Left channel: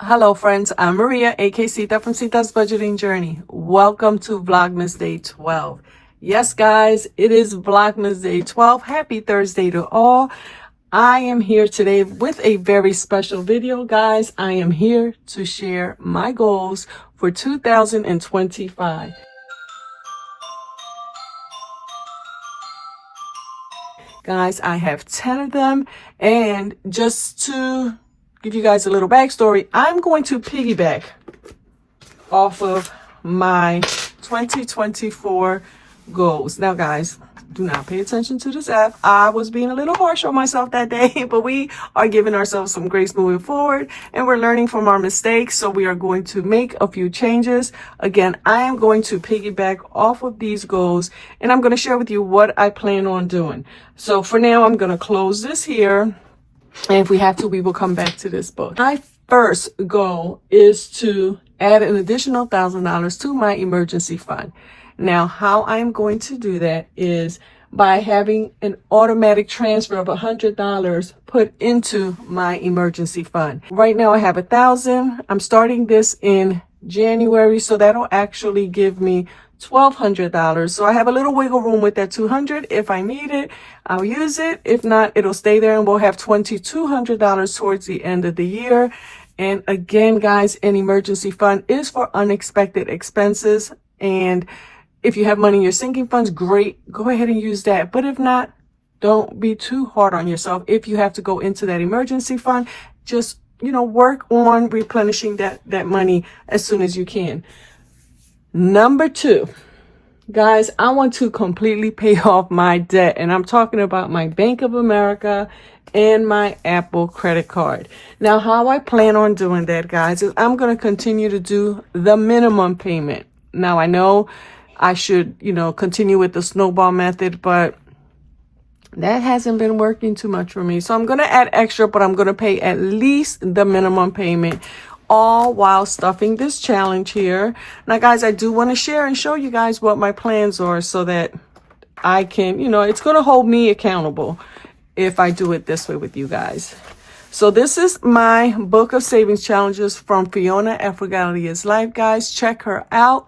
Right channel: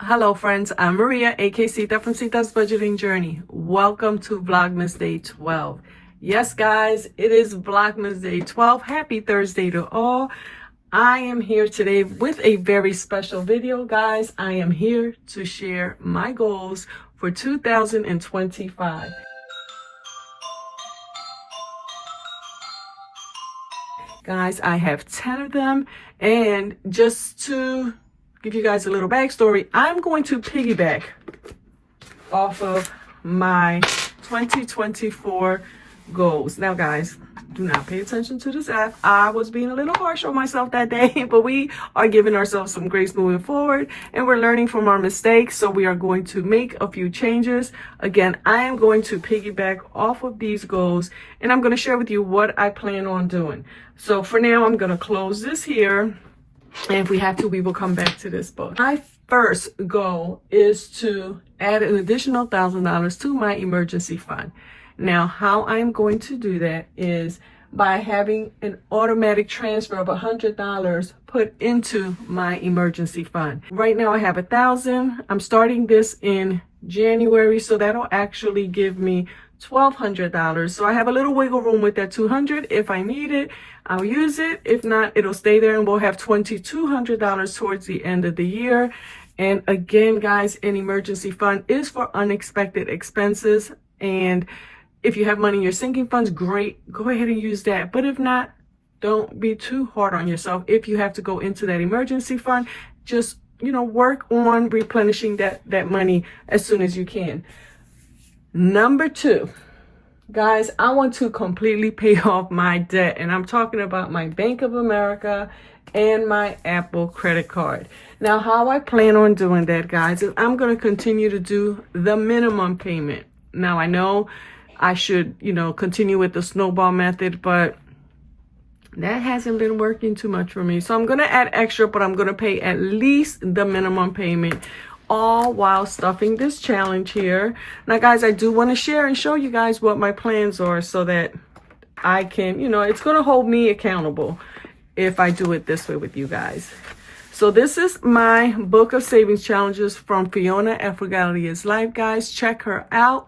Hello friends, I'm Maria, aka Sita from Sita's Budgeting Journey. Welcome to Vlogmas Day 12. Yes guys, it is Vlogmas Day 12. Happy Thursday to all. I am here today with a very special video, guys. I am here to share my goals for 2025. Guys, I have 10 of them, and just to give you guys a little backstory, I'm going to piggyback off of my 2024 goals. Now, guys, do not pay attention to this F. I was being a little harsh on myself that day, but we are giving ourselves some grace moving forward, and we're learning from our mistakes. So we are going to make a few changes. Again, I am going to piggyback off of these goals, and I'm going to share with you what I plan on doing. So for now, I'm going to close this here. And if we have to, we will come back to this book. My first goal is to add an additional $1,000 to my emergency fund. Now, how I'm going to do that is by having an automatic transfer of $100 put into my emergency fund. Right now I have $1,000. I'm starting this in January, so that'll actually give me $1,200. So I have a little wiggle room with that $200. If I need it, I'll use it. If not, it'll stay there, and we'll have $2,200 towards the end of the year. And again, guys, an emergency fund is for unexpected expenses. And if you have money in your sinking funds, great, go ahead and use that. But if not, don't be too hard on yourself. If you have to go into that emergency fund, just, work on replenishing that money as soon as you can. Number 2, guys, I want to completely pay off my debt. And I'm talking about my Bank of America and my Apple credit card. Now, how I plan on doing that, guys, is I'm going to continue to do the minimum payment. Now, I know I should, continue with the snowball method, but that hasn't been working too much for me. So I'm going to add extra, but I'm going to pay at least the minimum payment, all while stuffing this challenge here. Now, guys, I do want to share and show you guys what my plans are so that I can, it's going to hold me accountable if I do it this way with you guys. So this is my book of savings challenges from Fiona at Frugality is Life, guys. Check her out.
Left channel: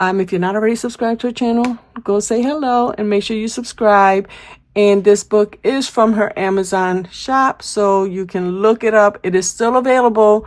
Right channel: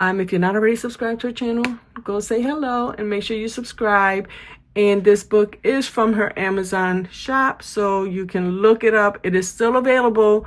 If you're not already subscribed to her channel, go say hello and make sure you subscribe. And this book is from her Amazon shop, so you can look it up. It is still available.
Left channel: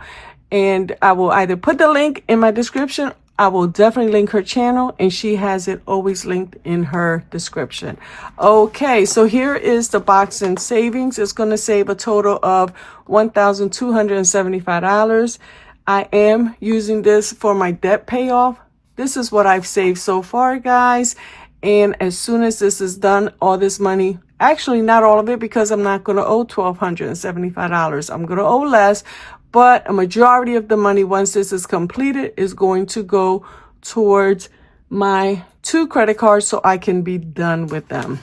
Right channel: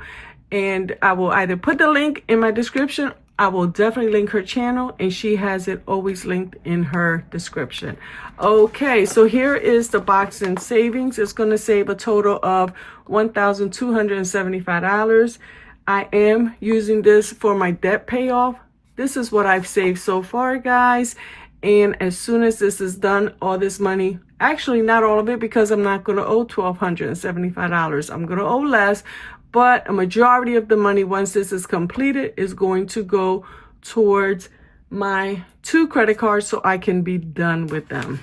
And I will either put the link in my description. I will definitely link her channel, and she has it always linked in her description. Okay, so here is the box in savings. It's going to save a total of $1,275. I am using this for my debt payoff. This is what I've saved so far, guys. And as soon as this is done, all this money, actually not all of it, because I'm not going to owe $1,275. I'm going to owe less. But a majority of the money, once this is completed, is going to go towards my 2 credit cards so I can be done with them.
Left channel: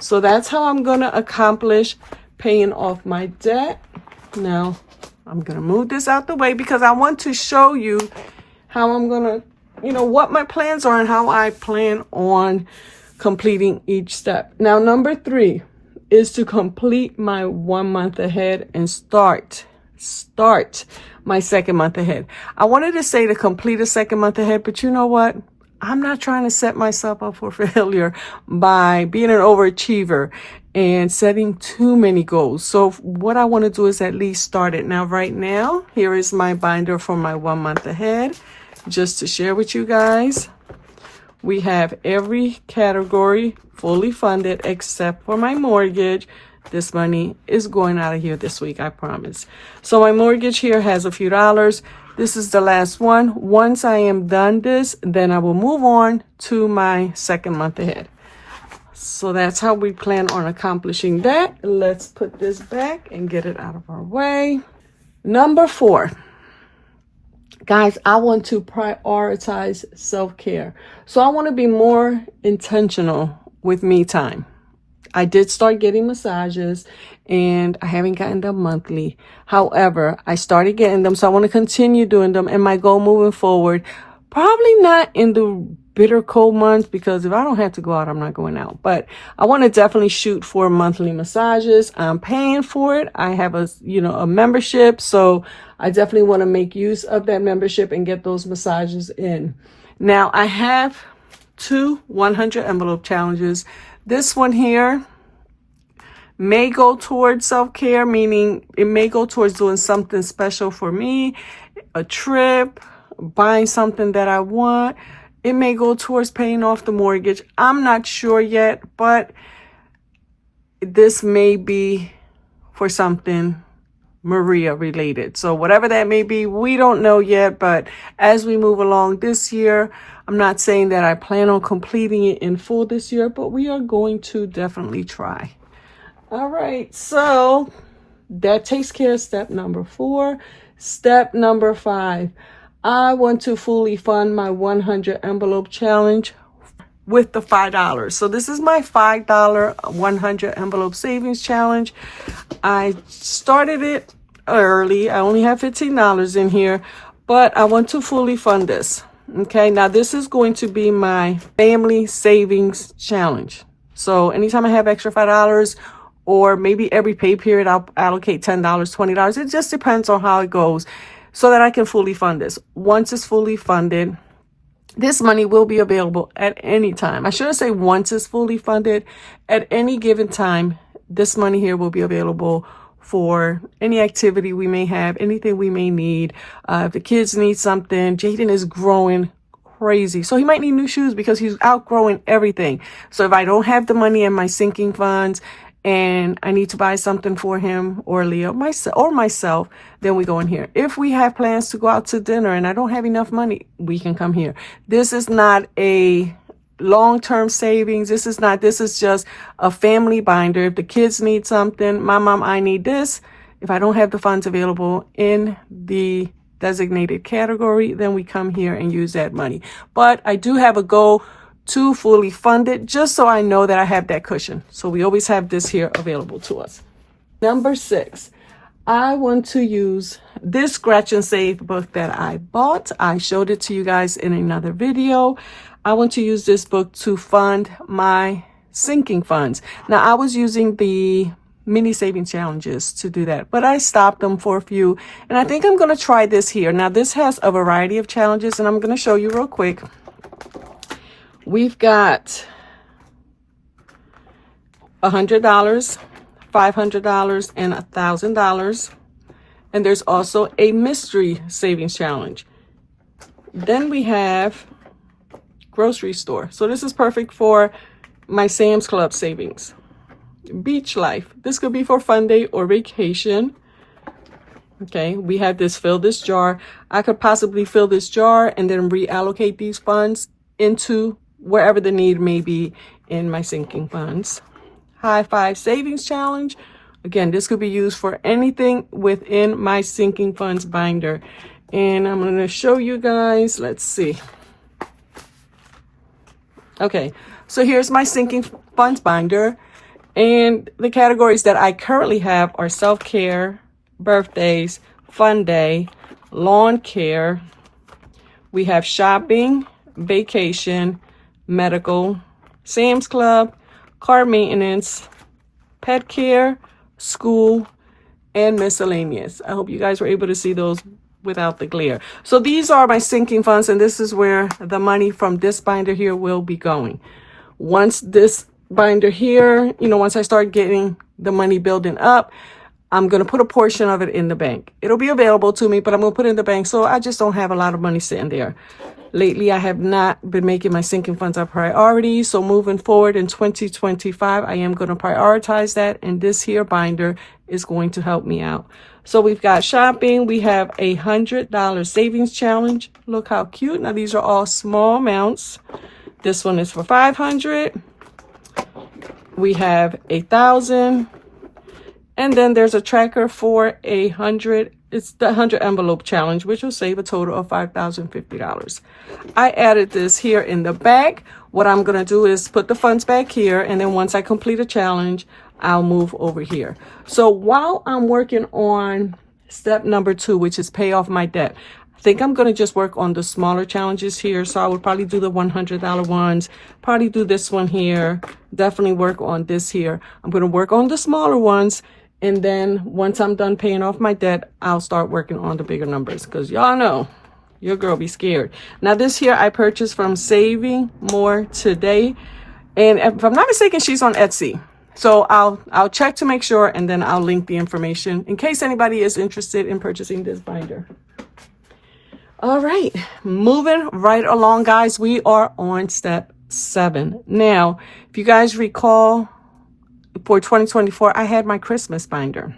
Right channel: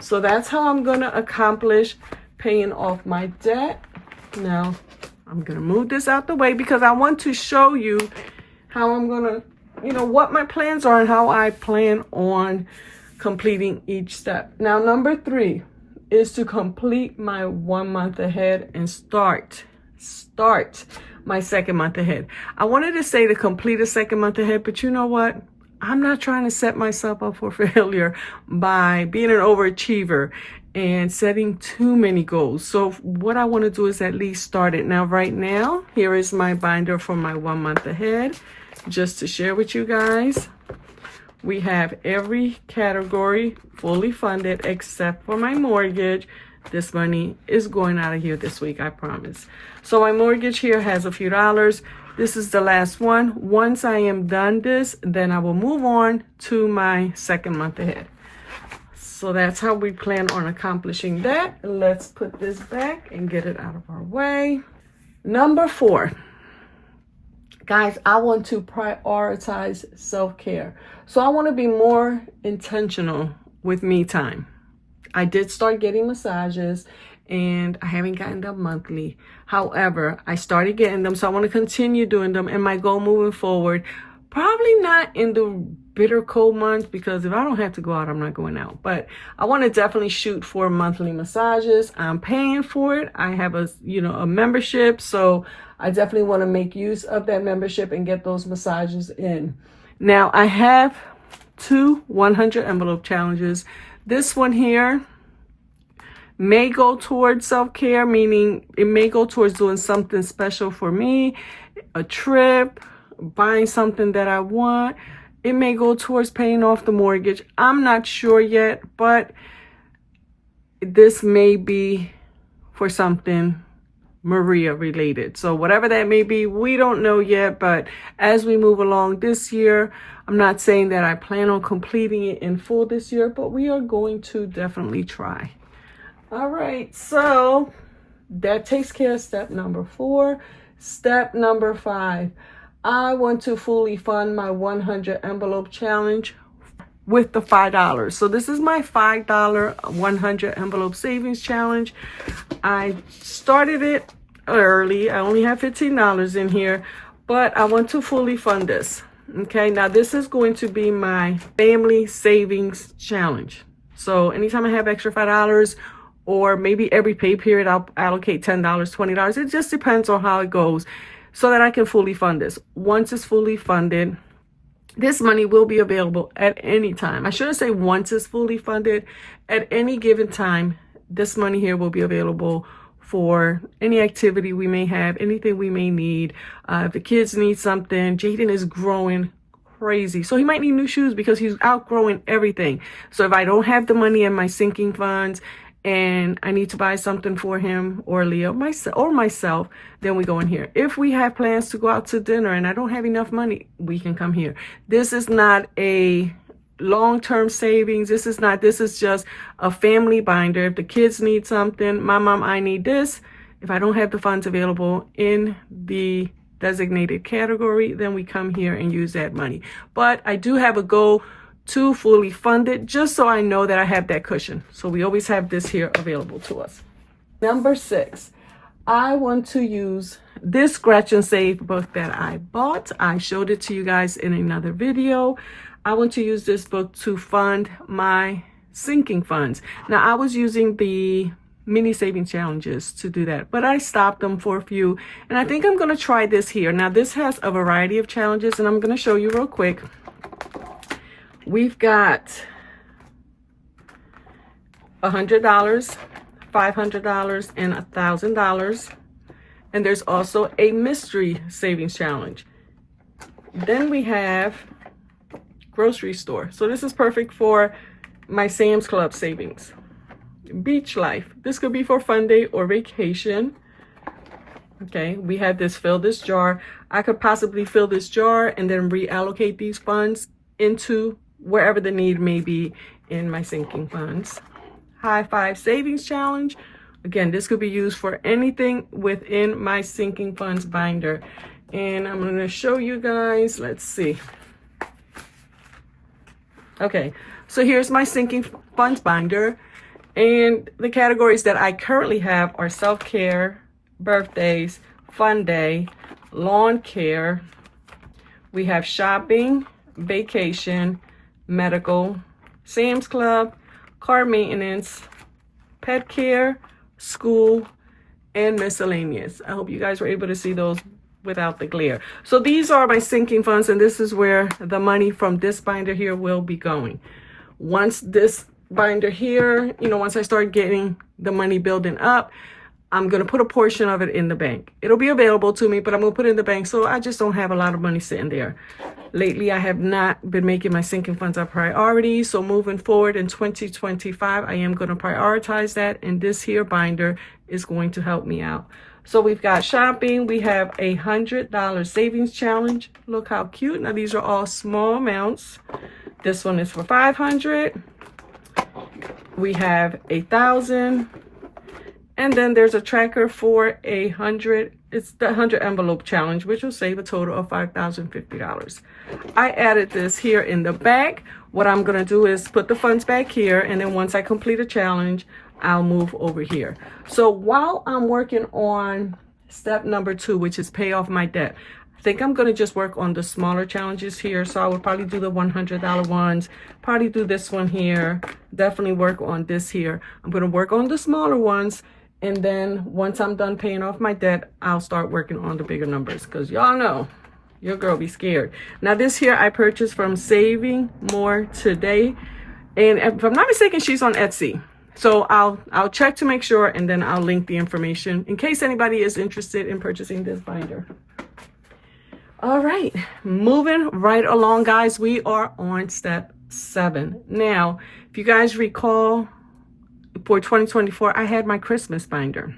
So that's how I'm going to accomplish paying off my debt. Now, I'm going to move this out the way because I want to show you how I'm going to, what my plans are and how I plan on completing each step. Now, number 3 is to complete my 1 month ahead and start my 2nd month ahead. I wanted to say to complete a 2nd month ahead, but you know what? I'm not trying to set myself up for failure by being an overachiever and setting too many goals. So what I want to do is at least start it. Now, right now, here is my binder for my 1 month ahead. Just to share with you guys, we have every category fully funded except for my mortgage. This money is going out of here this week, I promise. So my mortgage here has a few dollars. This is the last one. Once I am done this, then I will move on to my 2nd month ahead. So that's how we plan on accomplishing that. Let's put this back and get it out of our way. Number 4. Guys, I want to prioritize self-care. So I want to be more intentional with me time. I did start getting massages, and I haven't gotten them monthly. However, I started getting them, so I want to continue doing them. And my goal moving forward, probably not in the bitter cold months, because if I don't have to go out, I'm not going out. But I want to definitely shoot for monthly massages. I'm paying for it. I have a membership, so I definitely want to make use of that membership and get those massages in. Now, I have 2 100 envelope challenges. This one here may go towards self-care, meaning it may go towards doing something special for me, a trip, buying something that I want. It may go towards paying off the mortgage. I'm not sure yet, but this may be for something Maria related. So whatever that may be, we don't know yet. But as we move along this year, I'm not saying that I plan on completing it in full this year, but we are going to definitely try. All right, so that takes care of step number 4. Step number 5, I want to fully fund my 100 envelope challenge with the $5. So this is my $5 100 envelope savings challenge. I started it early. I only have $15 in here, but I want to fully fund this. Okay, now this is going to be my family savings challenge. So anytime I have extra $5, or maybe every pay period, I'll allocate $10, $20. It just depends on how it goes so that I can fully fund this. Once it's fully funded, this money will be available at any time. I shouldn't say once it's fully funded. At any given time, this money here will be available for any activity we may have, anything we may need. If the kids need something, Jaden is growing crazy. So he might need new shoes because he's outgrowing everything. So if I don't have the money in my sinking funds, and I need to buy something for him or Leo myself, then we go in here. If we have plans to go out to dinner and I don't have enough money, we can come here. This is not a long-term savings. This is just a family binder. If the kids need something, my mom, I need this. If I don't have the funds available in the designated category, then we come here and use that money. But I do have a goal to fully fund it, just so I know that I have that cushion. So we always have this here available to us. Number 6, I want to use this Scratch and Save book that I bought. I showed it to you guys in another video. I want to use this book to fund my sinking funds. Now, I was using the mini saving challenges to do that, but I stopped them for a few, and I think I'm going to try this here. Now, this has a variety of challenges, and I'm going to show you real quick. We've got $100, $500, and $1,000. And there's also a mystery savings challenge. Then we have grocery store. So this is perfect for my Sam's Club savings. Beach life. This could be for fun day or vacation. Okay, we have this fill this jar. I could possibly fill this jar and then reallocate these funds into wherever the need may be in my sinking funds. High Five Savings Challenge. Again, this could be used for anything within my sinking funds binder. And I'm going to show you guys. Let's see. Okay, so here's my sinking funds binder. And the categories that I currently have are self-care, birthdays, fun day, lawn care. We have shopping, vacation, medical, Sam's Club, car maintenance, pet care, school, and miscellaneous. I hope you guys were able to see those without the glare. So these are my sinking funds, and this is where the money from this binder here will be going. Once this binder here, once I start getting the money building up, I'm going to put a portion of it in the bank. It'll be available to me, but I'm going to put it in the bank, so I just don't have a lot of money sitting there. Lately, I have not been making my sinking funds a priority. So moving forward in 2025, I am going to prioritize that. And this here binder is going to help me out. So we've got shopping. We have a $100 savings challenge. Look how cute. Now, these are all small amounts. This one is for $500. We have $1,000. And then there's a tracker for $100. It's the 100 envelope challenge, which will save a total of $5,050. I added this here in the back. What I'm going to do is put the funds back here. And then once I complete a challenge, I'll move over here. So while I'm working on step number 2, which is pay off my debt, I think I'm going to just work on the smaller challenges here. So I would probably do the $100 ones, probably do this one here, definitely work on this here. I'm going to work on the smaller ones And then once I'm done paying off my debt, I'll start working on the bigger numbers, because y'all know your girl be scared. Now this here I purchased from Saving More Today. And if I'm not mistaken, she's on Etsy. So I'll check to make sure, and then I'll link the information in case anybody is interested in purchasing this binder. All right, moving right along, guys. We are on step 7. Now, if you guys recall, for 2024, I had my Christmas binder.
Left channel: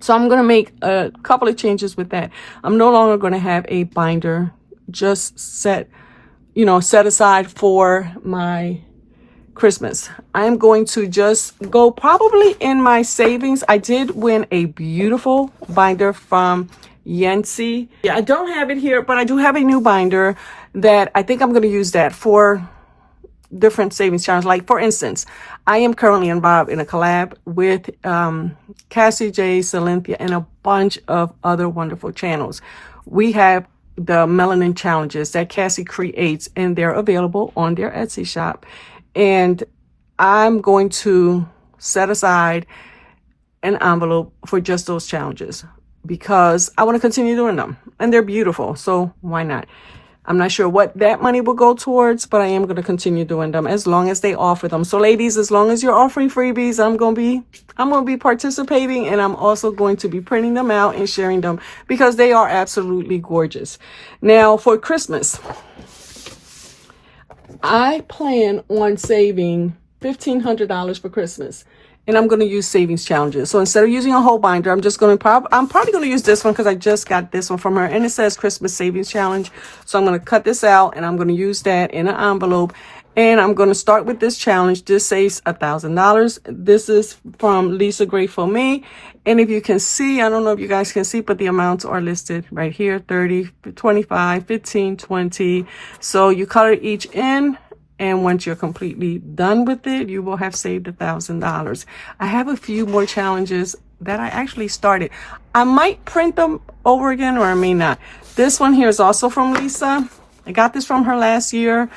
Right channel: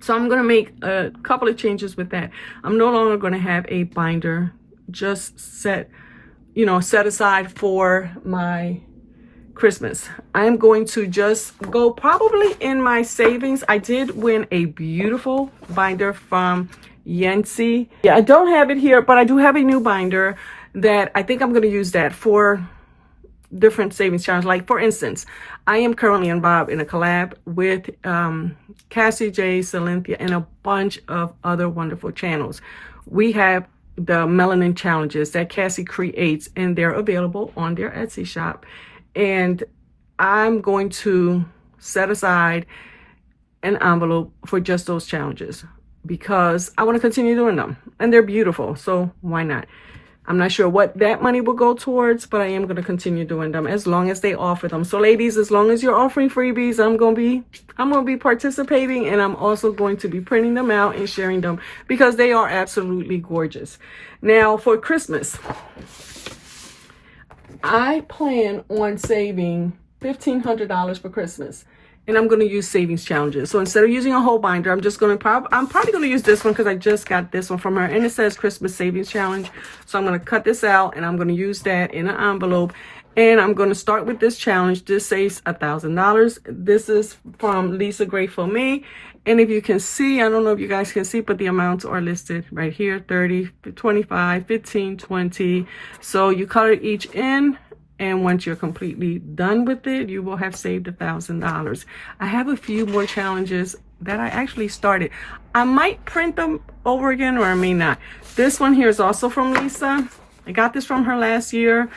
So I'm going to make a couple of changes with that. I'm no longer going to have a binder just set aside for my Christmas. I am going to just go probably in my savings. I did win a beautiful binder from Yancy. Yeah, I don't have it here, but I do have a new binder that I think I'm going to use that for different savings challenges. Like, for instance, I am currently involved in a collab with Cassie J, Cynthia, and a bunch of other wonderful channels. We have the melanin challenges that Cassie creates, and they're available on their Etsy shop. And I'm going to set aside an envelope for just those challenges because I want to continue doing them, and they're beautiful. So why not? I'm not sure what that money will go towards, but I am going to continue doing them as long as they offer them. So ladies, as long as you're offering freebies, I'm going to be participating, and I'm also going to be printing them out and sharing them because they are absolutely gorgeous. Now for Christmas, I plan on saving $1,500 for Christmas, and I'm going to use savings challenges. So instead of using a whole binder, I'm probably going to use this one because I just got this one from her, and it says Christmas Savings Challenge. So I'm going to cut this out, and I'm going to use that in an envelope, and I'm going to start with this challenge. This saves $1,000. This is from Lisa Grateful Me. And if you can see, I don't know if you guys can see, but the amounts are listed right here: 30, 25, 15, 20. So you color each in, and once you're completely done with it, you will have saved $1,000. I have a few more challenges that I actually started. I might print them over again, or I may not. This one here is also from Lisa. I got this from her last year.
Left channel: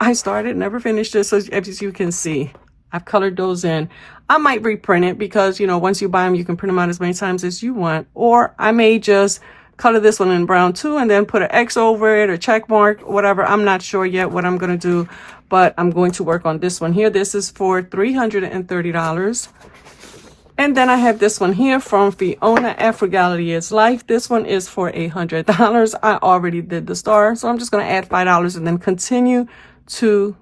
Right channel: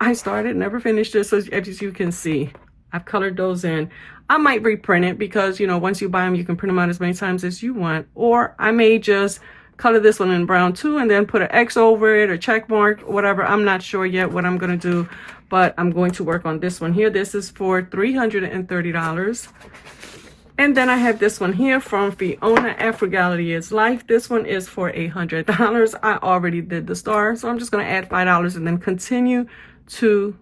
I started, never finished this. So as you can see, I've colored those in. I might reprint it because, once you buy them, you can print them out as many times as you want. Or I may just color this one in brown too, and then put an X over it or check mark, whatever. I'm not sure yet what I'm going to do, but I'm going to work on this one here. This is for $330. And then I have this one here from Fiona at Frugality is Life. This one is for $100. I already did the star, so I'm just going to add $5 and then continue to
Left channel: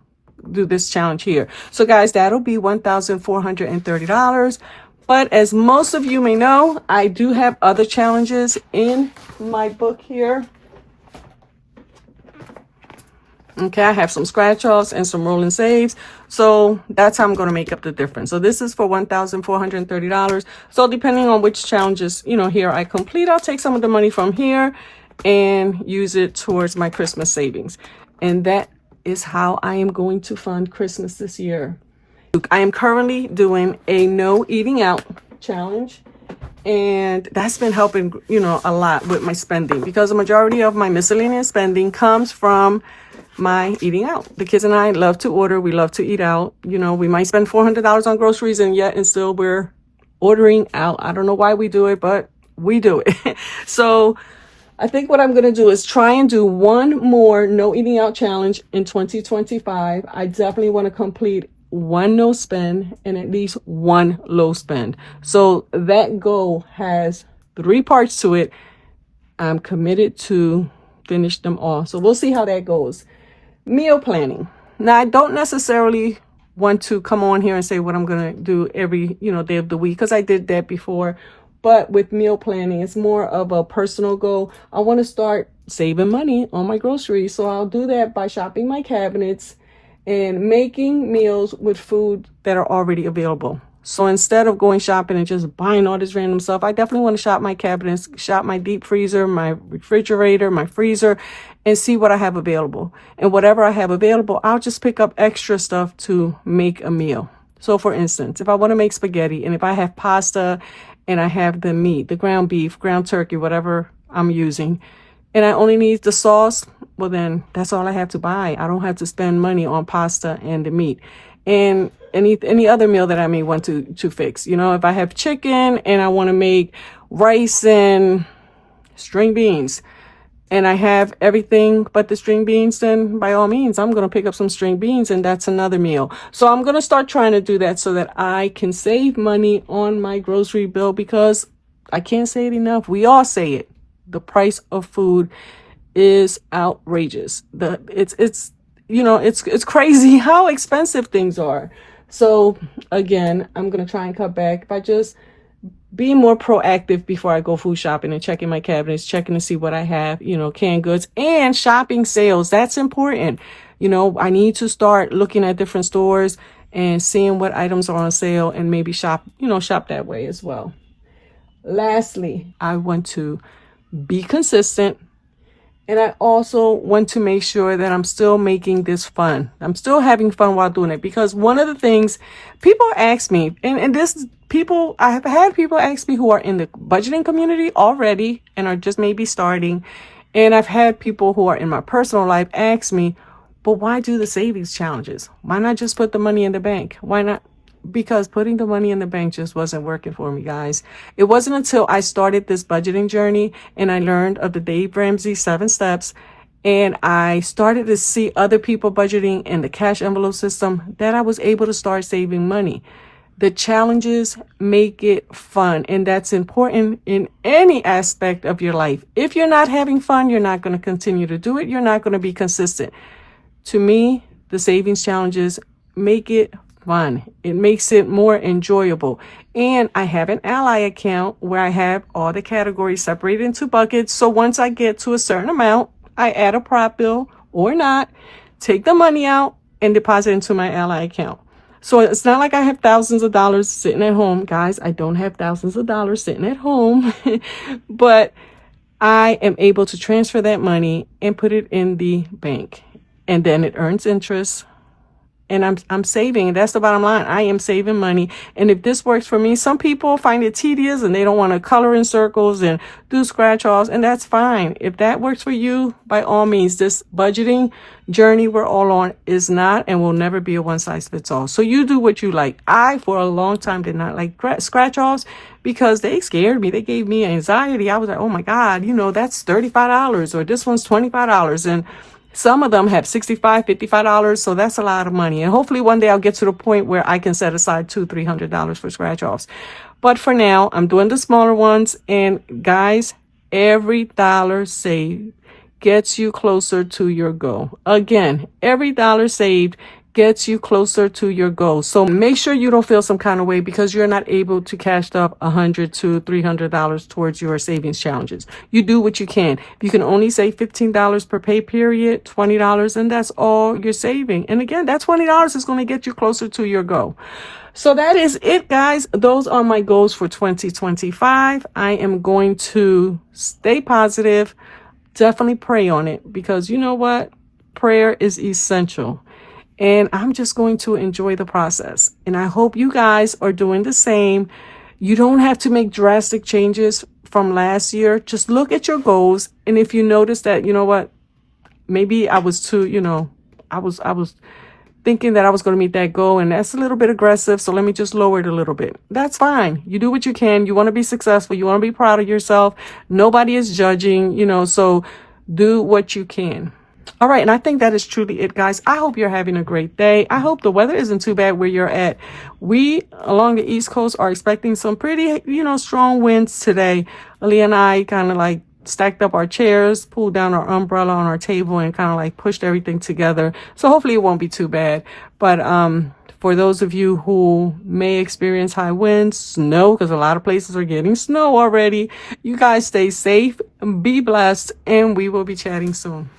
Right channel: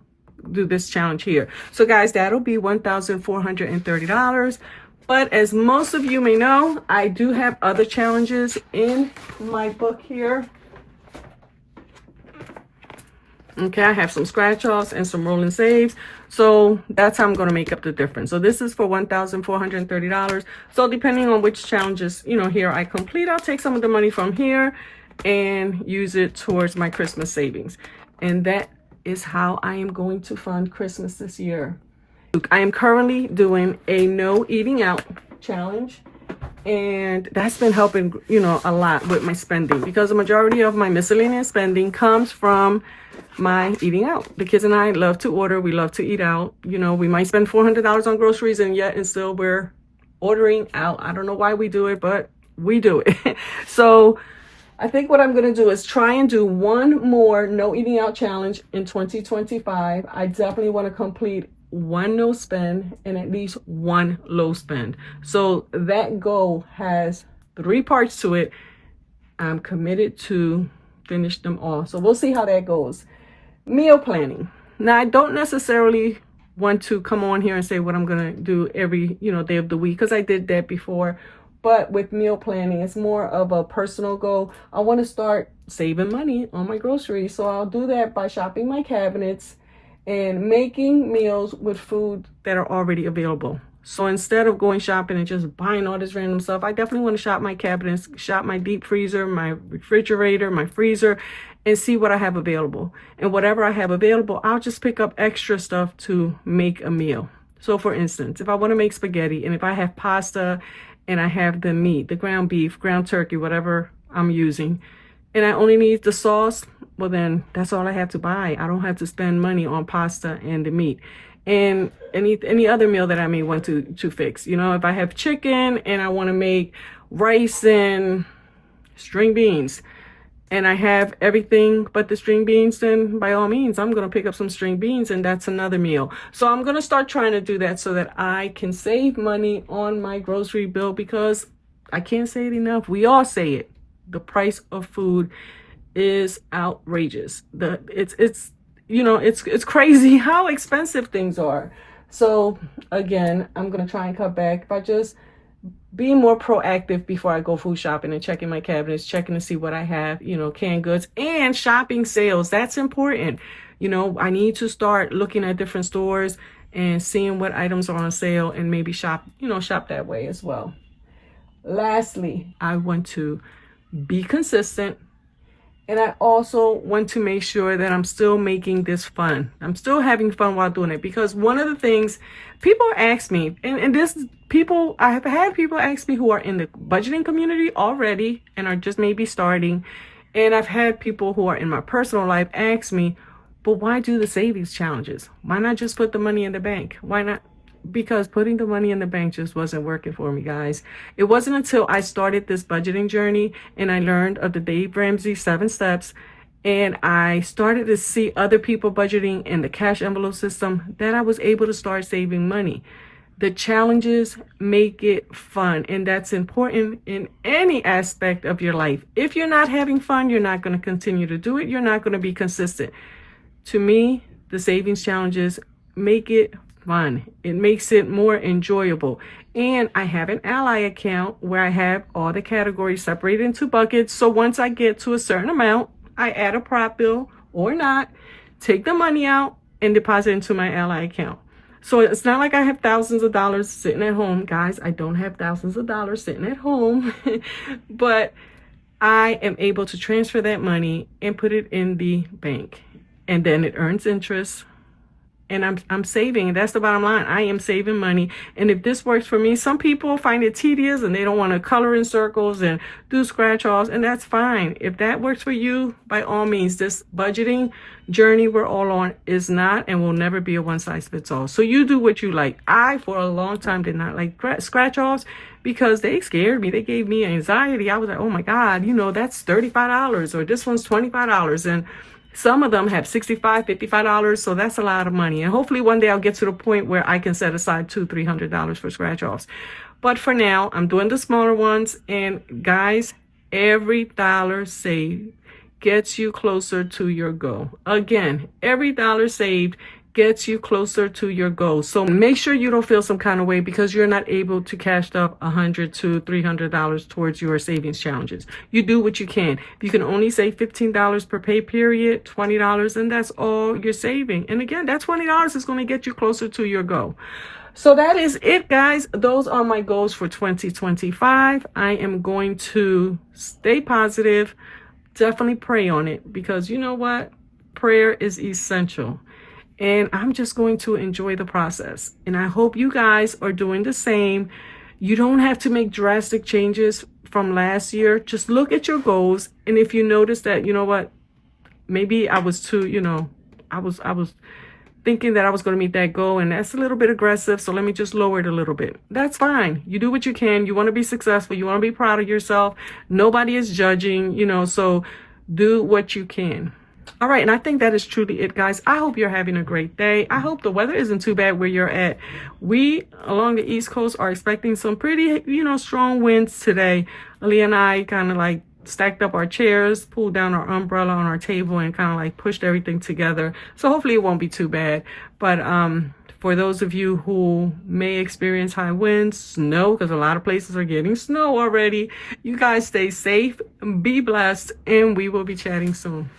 do this challenge here. So guys, that'll be $1,430. But as most of you may know, I do have other challenges in my book here. Okay, I have some scratch offs and some roll and saves. So that's how I'm going to make up the difference. So this is for $1,430. So depending on which challenges, here I complete, I'll take some of the money from here and use it towards my Christmas savings. And that is how I am going to fund Christmas this year. I am currently doing a no eating out challenge, and that's been helping, a lot with my spending, because the majority of my miscellaneous spending comes from my eating out. The kids and I love to order. We love to eat out. We might spend $400 on groceries, and still we're ordering out. I don't know why we do it, but we do it. So I think what I'm going to do is try and do one more no eating out challenge in 2025. I definitely want to complete one no spend and at least one low spend. So that goal has 3 parts to it. I'm committed to finish them all. So we'll see how that goes. Meal planning. Now, I don't necessarily want to come on here and say what I'm going to do every, day of the week, because I did that before. But with meal planning, it's more of a personal goal. I want to start saving money on my groceries. So I'll do that by shopping my cabinets and making meals with food that are already available. So instead of going shopping and just buying all this random stuff, I definitely want to shop my cabinets, shop my deep freezer, my refrigerator, my freezer, and see what I have available. And whatever I have available, I'll just pick up extra stuff to make a meal. So for instance, if I want to make spaghetti, and if I have pasta and I have the meat, the ground beef, ground turkey, whatever I'm using, and I only need the sauce, well then that's all I have to buy. I don't have to spend money on pasta and the meat. And any other meal that I may want to fix. You know, if I have chicken and I want to make rice and string beans, and I have everything but the string beans, then by all means, I'm going to pick up some string beans, and that's another meal. So I'm going to start trying to do that so that I can save money on my grocery bill, because I can't say it enough. We all say it. The price of food is outrageous. It's you know, it's crazy how expensive things are. So again, I'm going to try and cut back by just being more proactive before I go food shopping and checking my cabinets, checking to see what I have, you know, canned goods, and shopping sales. That's important. You know, I need to start looking at different stores and seeing what items are on sale, and maybe shop that way as well. Lastly, I want to be consistent, and I also want to make sure that I'm still making this fun. I'm still having fun while doing it, because one of the things people ask me, and this people, I have had people ask me who are in the budgeting community already and are just maybe starting. And I've had people who are in my personal life ask me, but why do the savings challenges? Why not just put the money in the bank? Why not? Because putting the money in the bank just wasn't working for me, guys. It wasn't until I started this budgeting journey and I learned of the Dave Ramsey 7 steps, and I started to see other people budgeting in the cash envelope system, that I was able to start saving money. The challenges make it fun, and that's important in any aspect of your life. If you're not having fun, you're not going to continue to do it. You're not going to be consistent. To me, the savings challenges make it fun. It makes it more enjoyable. And I have an Ally account where I have all the categories separated into buckets. So once I get to a certain amount, I add a prop bill or not, take the money out and deposit into my Ally account. So it's not like I have thousands of dollars sitting at home. Guys, I don't have thousands of dollars sitting at home, but I am able to transfer that money and put it in the bank, and then it earns interest. And I'm saving. That's the bottom line. I am saving money. And if this works for me, some people find it tedious and they don't want to color in circles and do scratch offs, and that's fine. If that works for you, by all means. This budgeting journey we're all on is not and will never be a one size fits all. So you do what you like. I, for a long time, did not like scratch offs because they scared me. They gave me anxiety. I was like, oh my God, you know, that's $35 or this one's $25. And some of them have $65, $55, so that's a lot of money. And hopefully one day I'll get to the point where I can set aside $200, $300 for scratch offs. But for now, I'm doing the smaller ones. And guys, every dollar saved gets you closer to your goal. Again, every dollar saved gets you closer to your goal. So make sure you don't feel some kind of way because you're not able to cash up $100 to $300 towards your savings challenges. You do what you can. You can only save $15 per pay period, $20, and that's all you're saving. And again, that $20 is going to get you closer to your goal. So that is it, guys. Those are my goals for 2025. I am going to stay positive. Definitely pray on it, because you know what? Prayer is essential. And I'm just going to enjoy the process. And I hope you guys are doing the same. You don't have to make drastic changes from last year. Just look at your goals. And if you notice that, you know what, maybe I was too, you know, I was thinking that I was going to meet that goal, and that's a little bit aggressive. So let me just lower it a little bit. That's fine. You do what you can. You want to be successful. You want to be proud of yourself. Nobody is judging, you know, so do what you can. All right, and I think that is truly it, guys. I hope you're having a great day. I hope the weather isn't too bad where you're at. We, along the East Coast, are expecting some pretty, you know, strong winds today. Ali and I kind of like stacked up our chairs, pulled down our umbrella on our table, and kind of like pushed everything together. So hopefully it won't be too bad. But for those of you who may experience high winds, snow, because a lot of places are getting snow already, you guys stay safe, be blessed, and we will be chatting soon.